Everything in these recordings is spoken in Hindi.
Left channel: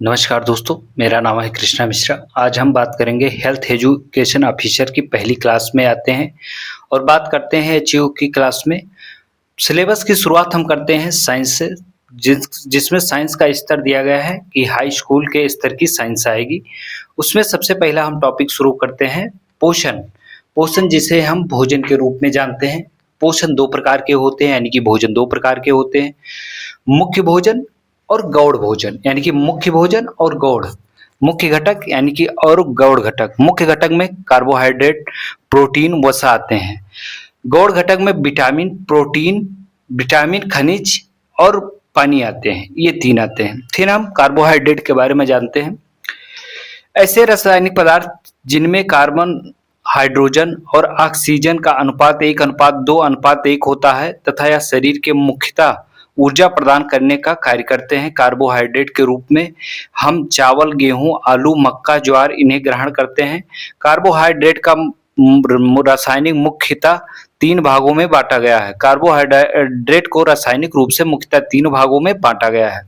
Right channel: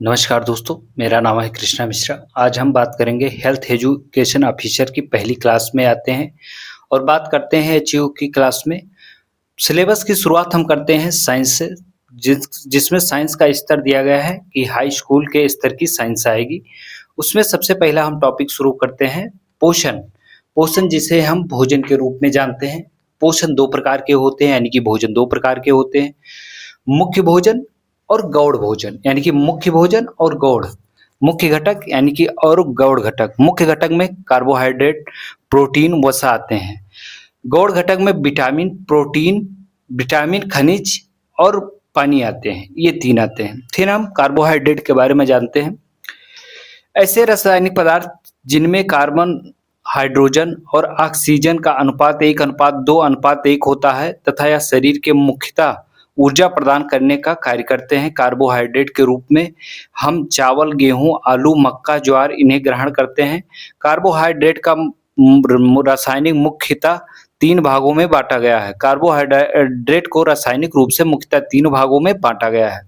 नमस्कार दोस्तों, मेरा नाम है कृष्णा मिश्रा। आज हम बात करेंगे हेल्थ एजुकेशन ऑफिसर की पहली क्लास में आते हैं और बात करते हैं एचईओ की क्लास में। सिलेबस की शुरुआत हम करते हैं साइंस से, जिसमें साइंस का स्तर दिया गया है कि हाई स्कूल के स्तर की साइंस आएगी। उसमें सबसे पहला हम टॉपिक शुरू करते हैं पोषण। पोषण जिसे हम भोजन के रूप में जानते हैं। पोषण 2 प्रकार के होते हैं, यानी कि भोजन 2 प्रकार के होते हैं। मुख्य भोजन और गौड़ भोजन, यानी कि मुख्य भोजन और गौड़। मुख्य घटक यानी कि और गौड़ घटक। मुख्य घटक में कार्बोहाइड्रेट, प्रोटीन, वसा आते हैं। गौड़ घटक में विटामिन, खनिज और पानी आते हैं। ये 3 आते हैं। फिर हम कार्बोहाइड्रेट के बारे में जानते हैं। ऐसे रासायनिक पदार्थ जिनमें कार्बन, हाइड्रोजन और ऑक्सीजन का अनुपात 1:2:1 होता है तथा यह शरीर के मुख्यतः ऊर्जा प्रदान करने का कार्य करते हैं। कार्बोहाइड्रेट के रूप में हम चावल, गेहूं, आलू, मक्का, ज्वार इन्हें ग्रहण करते हैं। कार्बोहाइड्रेट का रासायनिक मुख्यतः 3 भागों में बांटा गया है। कार्बोहाइड्रेट को रासायनिक रूप से मुख्यतः 3 भागों में बांटा गया है।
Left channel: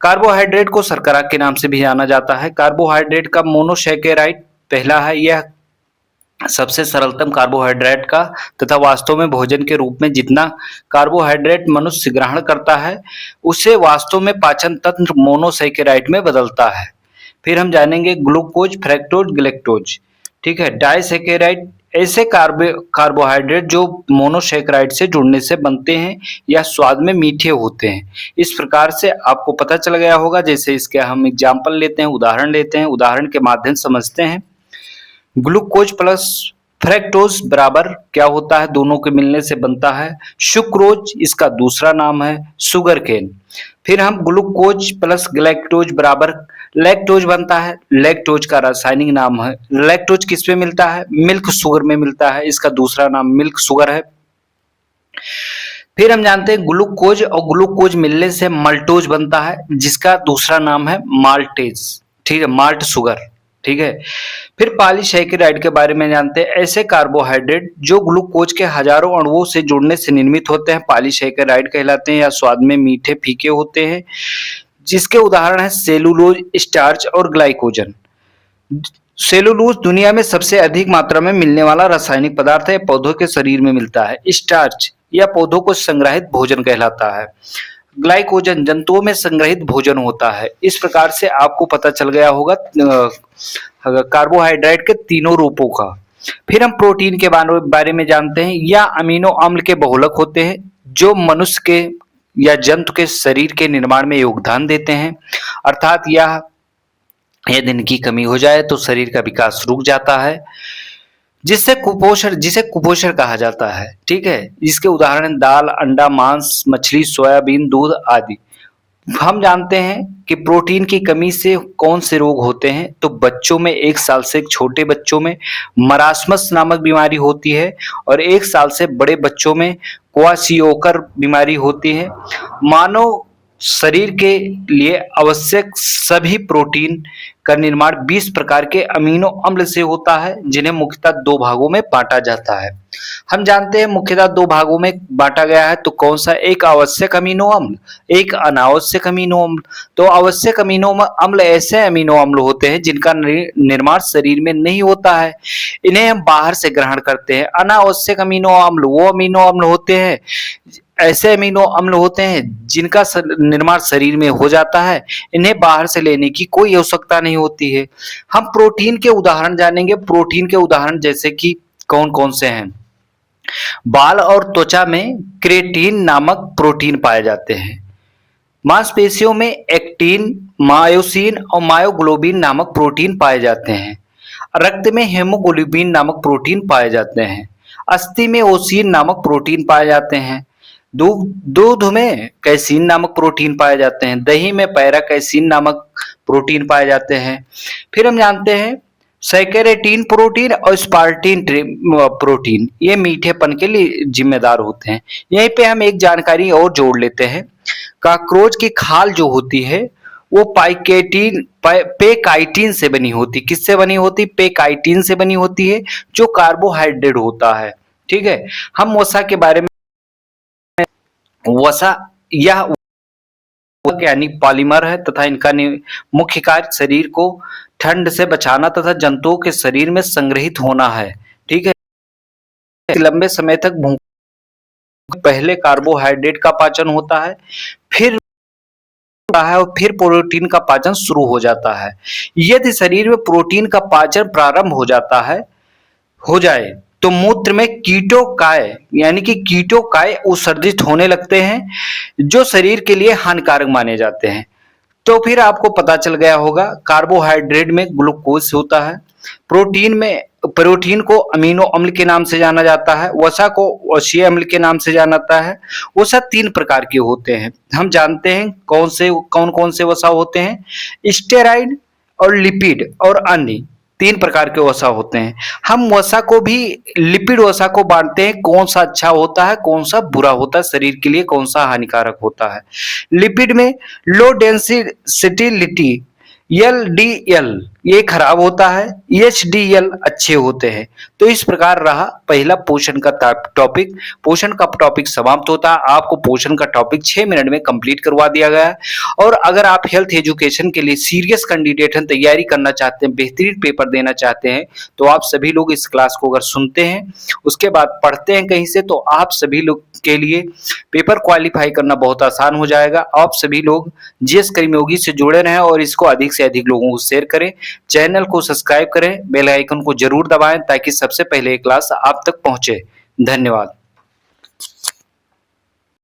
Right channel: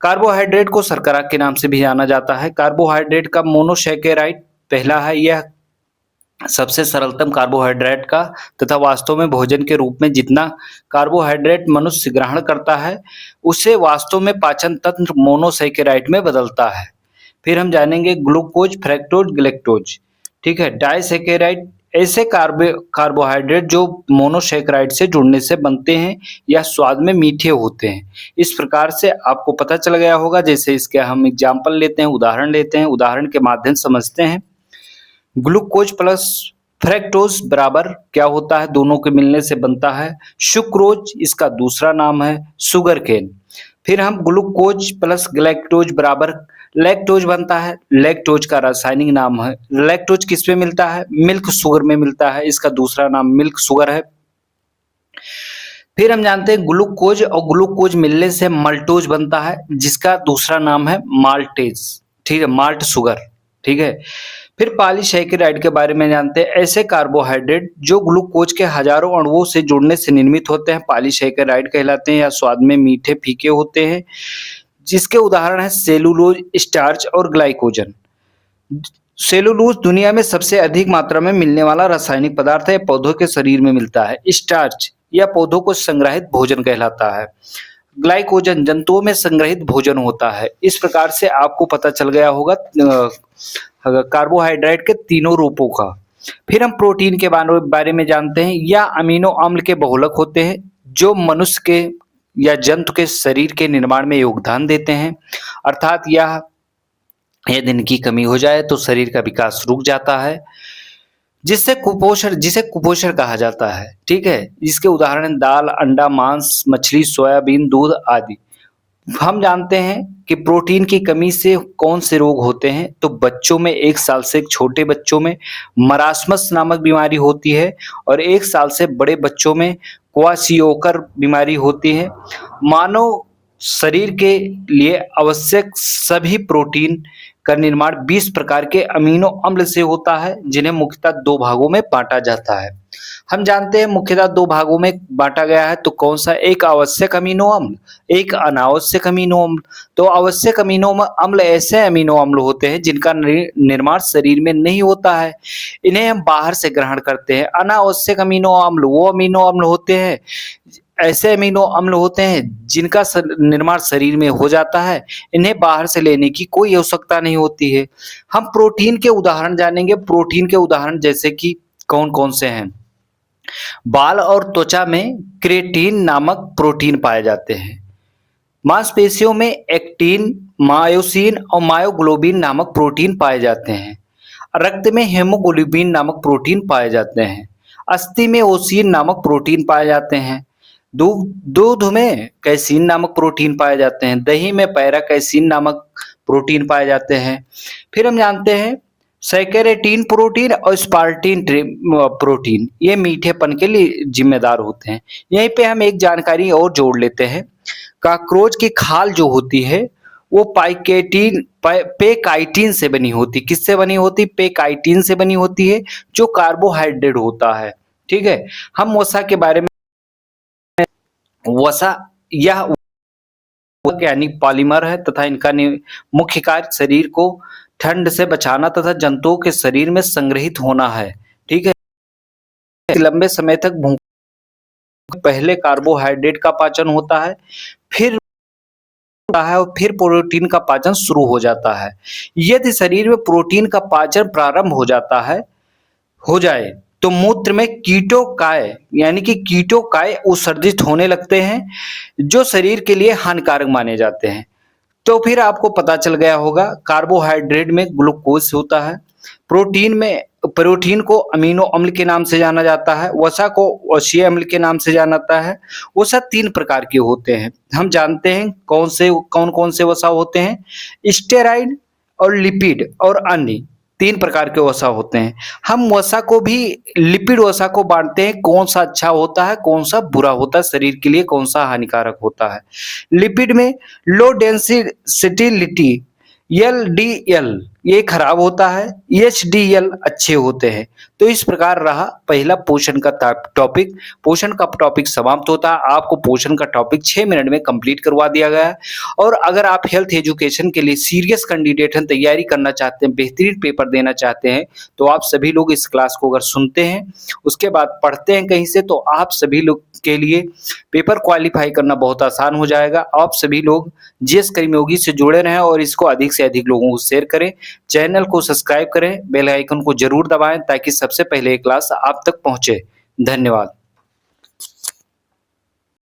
कार्बोहाइड्रेट को शर्करा के नाम से भी जाना जाता है। कार्बोहाइड्रेट का मोनोसैकेराइड पहला है। यह सबसे सरलतम कार्बोहाइड्रेट का तथा वास्तव में भोजन के रूप में जितना कार्बोहाइड्रेट मनुष्य ग्रहण करता है उसे वास्तव में पाचन तंत्र मोनोसैकेराइड में बदलता है। फिर हम जानेंगे ग्लूकोज, फ्रक्टोज, गैलेक्टोज। ठीक है। डाइसैकेराइड ऐसे कार्बोहाइड्रेट जो मोनोसैकेराइड से जुड़ने से बनते हैं या स्वाद में मीठे होते हैं। इस प्रकार से आपको पता चल गया होगा। जैसे इसके हम एग्जाम्पल लेते हैं, उदाहरण लेते हैं, उदाहरण के माध्यम से समझते हैं। ग्लूकोज प्लस फ्रक्टोज बराबर क्या होता है? दोनों के मिलने से बनता है सुक्रोज। इसका दूसरा नाम है शुगर केन। फिर हम ग्लूकोज प्लस गैलेक्टोज बराबर लैक्टोज बनता है। लैक्टोज का रासायनिक नाम है, लैक्टोज किस में मिलता है? मिल्क शुगर में मिलता है। इसका दूसरा नाम मिल्क शुगर है। फिर हम जानते हैं ग्लूकोज और ग्लूकोज मिलने से मल्टोज बनता है, जिसका दूसरा नाम है माल्टेज। ठीक है, माल्ट शुगर। ठीक है। फिर पॉलीसैकेराइड के बारे में जानते हैं। ऐसे कार्बोहाइड्रेट जो ग्लूकोज के हजारों अणुओं से जुड़ने से निर्मित होते हैं पॉलीसैकेराइड कहलाते हैं या स्वाद में मीठे फीके होते हैं, जिसके उदाहरण है सेलुलोज, स्टार्च और ग्लाइकोजन। सेलुलोज दुनिया में सबसे अधिक मात्रा में मिलने वाला रासायनिक पदार्थ है। पौधों के शरीर में मिलता है। स्टार्च या पौधों को संग्रहित भोजन कहलाता है। ग्लाइकोजन जंतुओं में संग्रहित भोजन होता है। इस प्रकार से आपको पता चल गया होगा कार्बोहाइड्रेट के तीनों रूपों का। फिर हम प्रोटीन के बारे में जानते हैं। या अमीनो अम्ल के बहुलक होते हैं जो मनुष्य के या जंतु के शरीर के निर्माण में योगदान देते हैं। अर्थात यदि इनकी कमी हो जाए तो शरीर का विकास रुक जाता है, जिसे कुपोषण कहा जाता है। ठीक है। इसके उदाहरण दाल, अंडा, मांस, मछली, सोयाबीन, दूध आदि। हम जानते हैं कि प्रोटीन की कमी से कौन से रोग होते हैं। तो बच्चों में 1 साल से छोटे बच्चों में मरासमस नामक बीमारी होती है और 1 साल से बड़े बच्चों में क्वाशियोकर बीमारी होती है। मानव शरीर के लिए आवश्यक सभी प्रोटीन का निर्माण 20 प्रकार के अमीनो अम्ल से होता है, जिन्हें मुख्यतः 2 भागों में बांटा जाता है। हम जानते हैं मुख्यतः 2 भागों में बांटा गया है। तो कौन सा? एक आवश्यक अमीनो अम्ल, एक अनावश्यक अमीनो अम्ल। तो आवश्यक अमीनो अम्ल ऐसे अमीनो अम्ल होते हैं जिनका निर्माण शरीर में नहीं होता है, इन्हें हम बाहर से ग्रहण करते हैं। अनावश्यक अमीनो अम्ल वो अमीनो अम्ल होते हैं, ऐसे अमीनो अम्ल होते हैं जिनका निर्माण शरीर में हो जाता है, इन्हें बाहर से लेने की कोई आवश्यकता नहीं होती है। हम प्रोटीन के उदाहरण जानेंगे। प्रोटीन के उदाहरण जैसे कि कौन कौन से हैं? बाल और त्वचा में क्रेटीन नामक प्रोटीन पाए जाते हैं। मांसपेशियों में एक्टिन, मायोसिन और मायोग्लोबिन नामक प्रोटीन पाए जाते हैं। रक्त में हेमोग्लोबिन नामक प्रोटीन पाए जाते हैं। अस्थि में ओसीन नामक प्रोटीन पाए जाते हैं। दूध में कैसीन नामक प्रोटीन पाए जाते हैं। दही में पैरा कैसीन नामक प्रोटीन पाए जाते हैं। फिर हम जानते हैं सैकेरेटीन प्रोटीन और स्पार्टीन प्रोटीन, ये मीठेपन के लिए जिम्मेदार होते हैं। यहीं पे हम एक जानकारी और जोड़ लेते हैं। काकरोच की खाल जो होती है वो पेकाइटिन से बनी होती। किससे बनी होती? पेकाइटिन से बनी होती है, जो कार्बोहाइड्रेट होता है। ठीक है। हम वसा के बारे में वसा यह यानी पॉलीमर है तथा इनका मुख्य कार्य शरीर को ठंड से बचाना तथा जंतुओं के शरीर में संग्रहित होना है। ठीक है, लंबे समय तक भूख पहले कार्बोहाइड्रेट का पाचन होता है, फिर और फिर प्रोटीन का पाचन शुरू हो जाता है। यदि शरीर में प्रोटीन का पाचन प्रारंभ हो जाए तो मूत्र में कीटोकाय यानी कि कीटोकाय उत्सर्जित होने लगते हैं जो शरीर के लिए हानिकारक माने जाते हैं। तो फिर आपको पता चल गया होगा कार्बोहाइड्रेट में ग्लूकोज होता है, प्रोटीन को अमीनो अम्ल के नाम से जाना जाता है, वसा को वसीय अम्ल के नाम से जाना जाता है। वसा 3 प्रकार के होते हैं। हम जानते हैं कौन कौन से वसा होते हैं, स्टेरॉइड और लिपिड और अन्य 3 प्रकार के वसा होते हैं। हम वसा को भी लिपिड वसा को बांटते हैं, कौन सा अच्छा होता है कौन सा बुरा होता है शरीर के लिए, कौन सा हानिकारक होता है। लिपिड में लो डेंसिटी LDL ये खराब होता है, HDL अच्छे होते हैं। तो इस प्रकार रहा पहला पोषण का टॉपिक। पोषण का टॉपिक समाप्त होता है। आपको पोषण का टॉपिक 6 मिनट में कंप्लीट करवा दिया गया है। और अगर आप हेल्थ एजुकेशन के लिए सीरियस कैंडिडेट हैं, तैयारी करना चाहते हैं, बेहतरीन पेपर देना चाहते हैं, तो आप सभी लोग इस क्लास को अगर सुनते हैं उसके बाद पढ़ते हैं कहीं से, तो आप सभी लोग के लिए पेपर क्वालिफाई करना बहुत आसान हो जाएगा। आप सभी लोग जीएस कर्मयोगी से जुड़े रहें और इसको अधिक से अधिक लोगों को शेयर करें, चैनल को सब्सक्राइब करें, बेल आइकन को जरूर दबाएं ताकि सबसे पहले ये क्लास आप तक पहुंचे। धन्यवाद।